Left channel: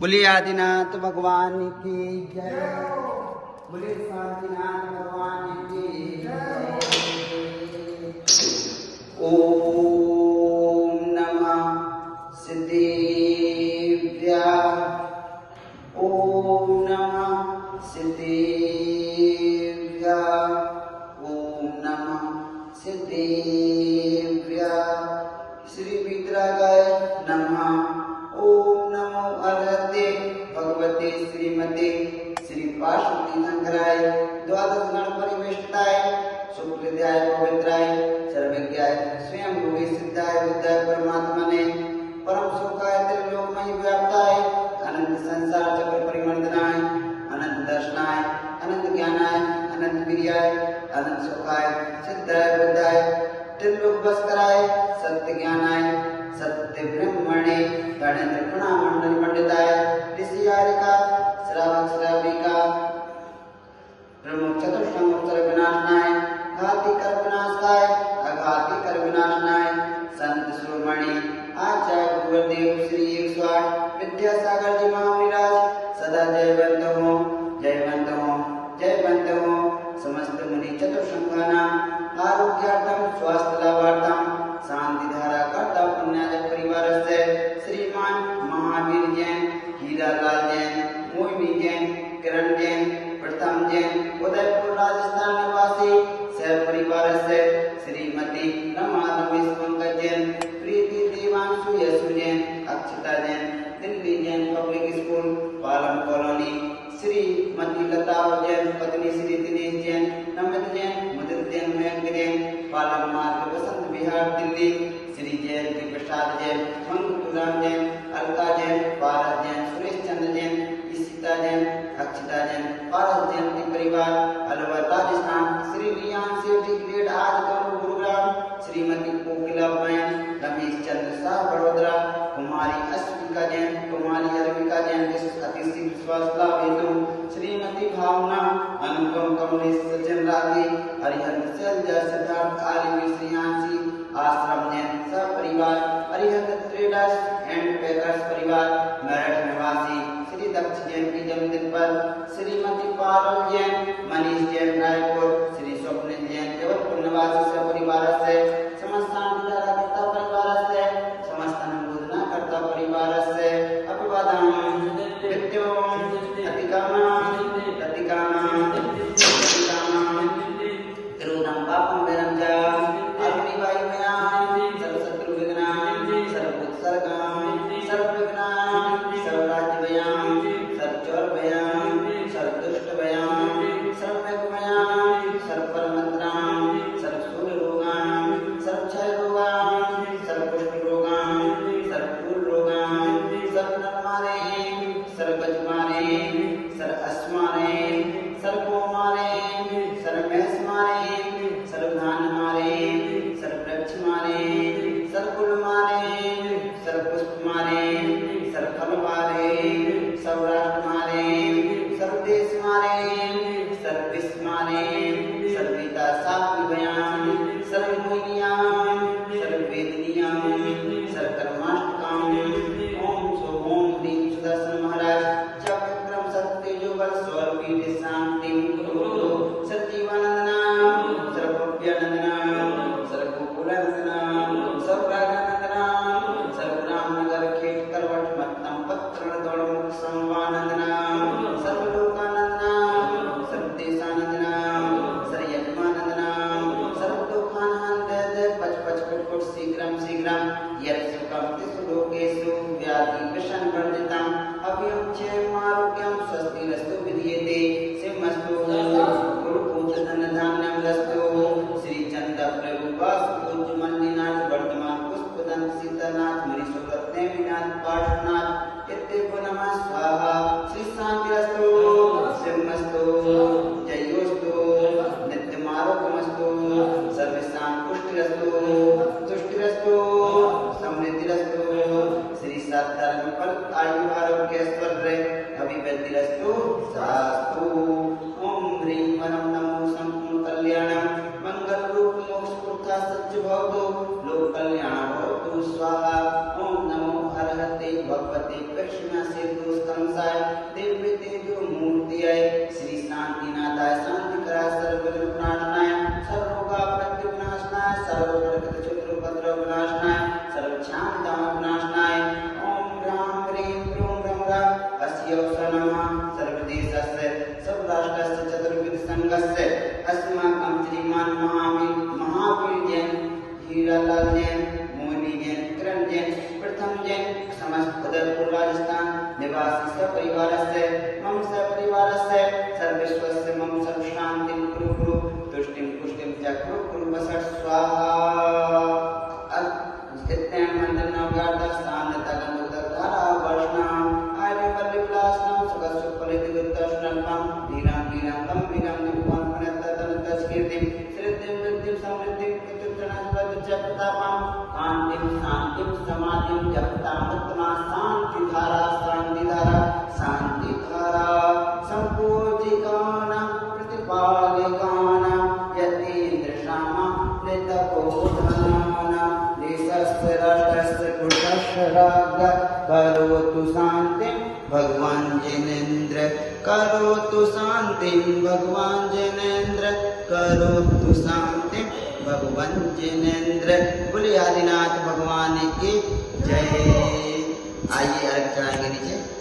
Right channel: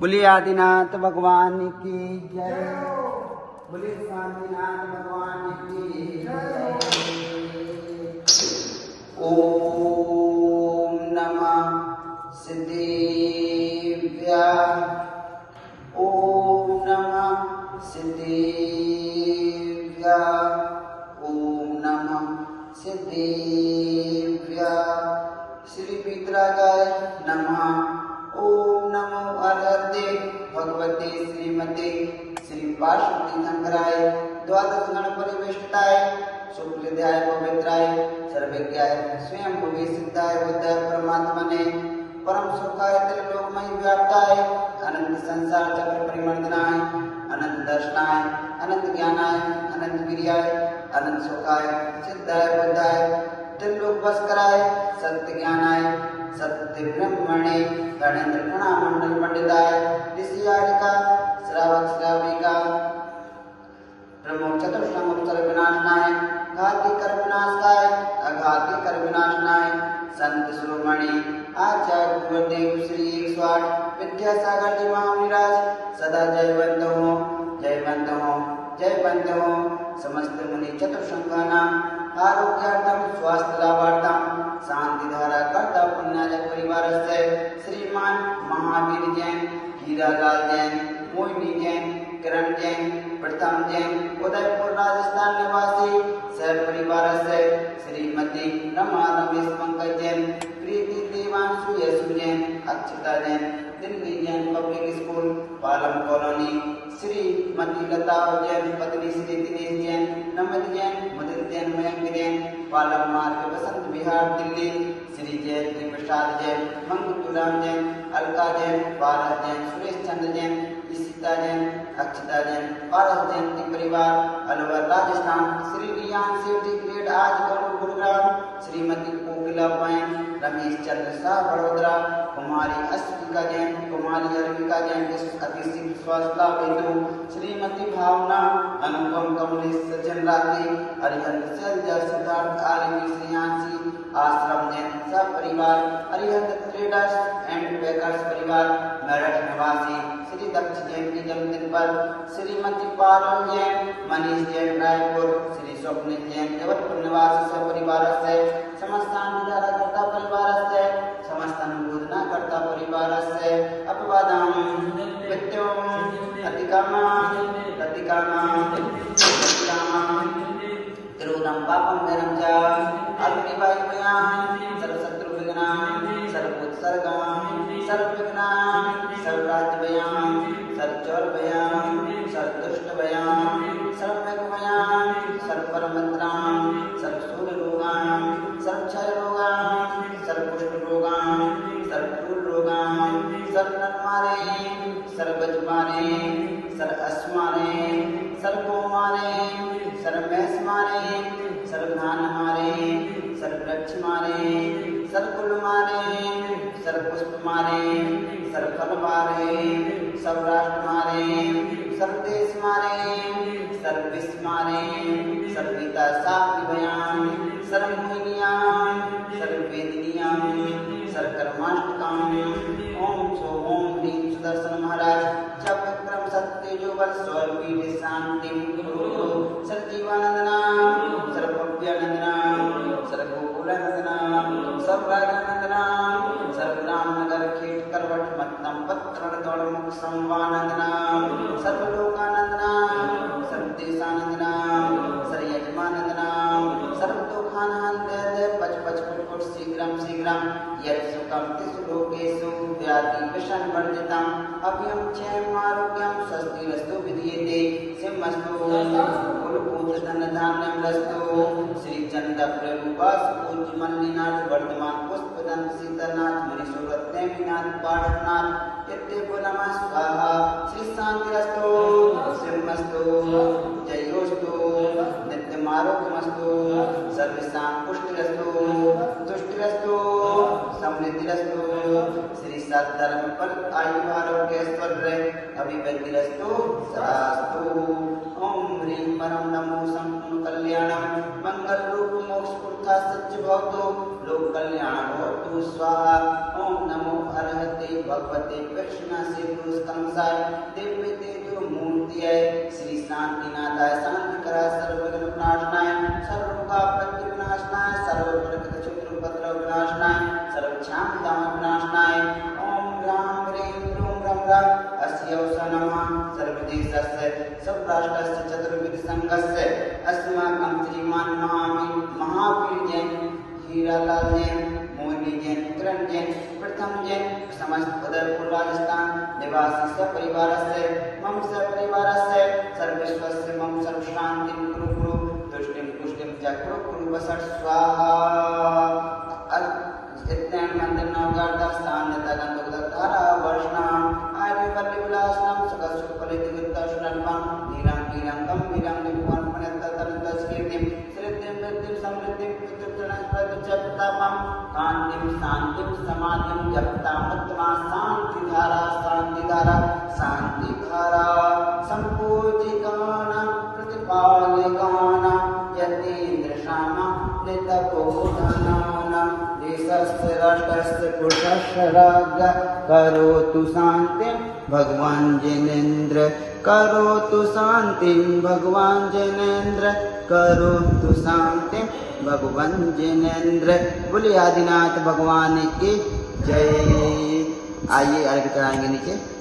बोलिए आदिनाथ भगवान की जय। बोलिए आदिनाथ भगवान की जय। ओम नमः सिद्धेभ्य। ओम नमः सिद्धेभ्य। ओम नमः सिद्धेभ्य। श्री विग्रहाय नमः। ओम नमो अरहते भगवते श्रीमते श्री वासुदेव शंकराय द्वादश गण परिवेष्टाय शुक्लध्याय पवित्राय सर्वज्ञाय स्वयं रूपी सिद्धाय बुद्धाय परमात्मने परम सुखाय त्रिलोकमय व्याप्ताय अनंत संसार चक्र परिवर्तनाय अनंत दर्शनाय अनंत ज्ञानाय अनंत वीर्याय अनंत सुखाय सिद्धाय बुद्धाय त्रिलोक बसकराय सत्य ज्ञानाय सत्य ब्रह्मणे गणेन्द्र प्रणाम मंडल मंडिताय ऋषियारिका श्रावक श्राविका प्रमुख चतुर्संवत्सर विनाशनाय घाती कर विनाशाय अघाती कर विनाशनाय संत शिरोमणि आचार्य गुरुदेव श्री 108 विद्यासागर जी महाविराज सदा जयवंत हो जयवंत हो जयवंत हो। समस्त मुनि चतुर्संघाना आरोग्यार्थम स्वास्थ्य लाभार्थम शांति धारा कर्ता पुण्याज परिवार से श्रीमान महावीर जैन हीरालाल जैन मोहिनी जैन किरण जैन प्रथम जैन उदयपुर राजस्थान निवासी सह परिवार से Shrimati Rama Ramesh Pankaj Jain Preeti Devanshu Yashu Jain Akshata Jain Delhi Jain public school Palam colony Shrimati Lata Jain पत्नी श्री दिनेश जैन नमित जैन मुदित जैन मयंक जैन पालम मार्ग बसंत बिहार दिल्ली श्री जय श्री प्रसाद जैन मंगतुलाम जैन अलका जैन भारत जैन सुरेश चंद्र जैन ईशिता जैन अक्षता जैन पारस जैन के परिवार अलवर राजस्थान श्री रियान शिवजी ग्रेड आज गुरुग्राम श्रीमती कोकिला पायन रमेश चंद्र शाह बड़ोदरा कुमारी अश्विका जैन कुमारी अरविका जैन अतिथि विश्वासला बेटू श्रीमती भावना अनुपम कमलेश सज्जन राधे हरिहर शैलजा सिद्धार्थ आलिमी श्रीयांशी आश्रम जैन सब परिवार हरिहर ट्रेडर्स एंड बेकर्स परिवार मेरठ निवासी श्री दक्ष जैन के जन्मदिन पर श्रीमती पारुल जैन मनीष जैन रायपुर श्री स्वप्निल जैन जबलपुर निवासी सब परिवार से समस्त करता परिवार से समस्त अनुमोदना करता परिवार से अपवादम विद्योम अतिकामम तिरुनाम पापम वैरम च अग्नि वायु मयाम सर्वशत्रु विघ्नाम सर्वोत्सर्गम सर्वविघ्नाम सर्वराज्य भयाम सर्वचोर भयाम सर्वदुष्ट भयाम सर्वमेघ भयाम सर्वपरमंत्राम सर्वसूर रोगाम सर्वक्षय रोगाम सर्वपुष्ट रोगाम सर्वपूर्ण रोगाम सर्वनरमारे सर्वगजमारे सर्वअश्मारे सर्वोमारे सर्वमेषमारे सर्वधानमारे सर्ववृक्षमारे सर्वकुलमारे सर्वपुष्पमारे सर्वफलमारे सब तस्य सर्वराष्ट्रस्य चतुर्विध संघस्य अस्माकं श्रीमान महावीर जैन, हीरालाल जैन, मोहिनी जैन, किरण जैन, प्रथम जैन, समस्त उदयपुर राजस्थान निवासी सपरिवारस्य मम सपरिवारस्य सर्वेश्वरस्य मम सर्वशान्तिं कुरु कुरु तुष्टिं पुष्टिं च कुरु कुरु वसत् स्वाहा। नित्यं मंदिर नवगार्ध स्थान तगंधुधारा वर्षना आर्य परिविलासनाम सुखसुखफलित दुर्दर्शनल्पम धीरां धीरां गंभीरां निपुणं प्रणततनत कीर्तिं श्रीतिं वृद्धिं समृद्धिं प्रतापं कांतिं शांतिं समाधिं जपता मत्मा शांतिधारा संपूजिकानां प्रतिपालिकानां यतीन्द्रशामा नितपोधनानां देशस्य राष्ट्रस्य पुरुषस्य राज्ञ करोतु शान्तिं भगवान् जिनेन्द्र करोतु शान्तिं भगवान् जिनेन्द्र करोतु शान्तिं भगवान् जिनेन्द्र। बोलिए आदिनाथ भगवान की जय। आइए अर्घ्य चढ़ाएंगे नीचे।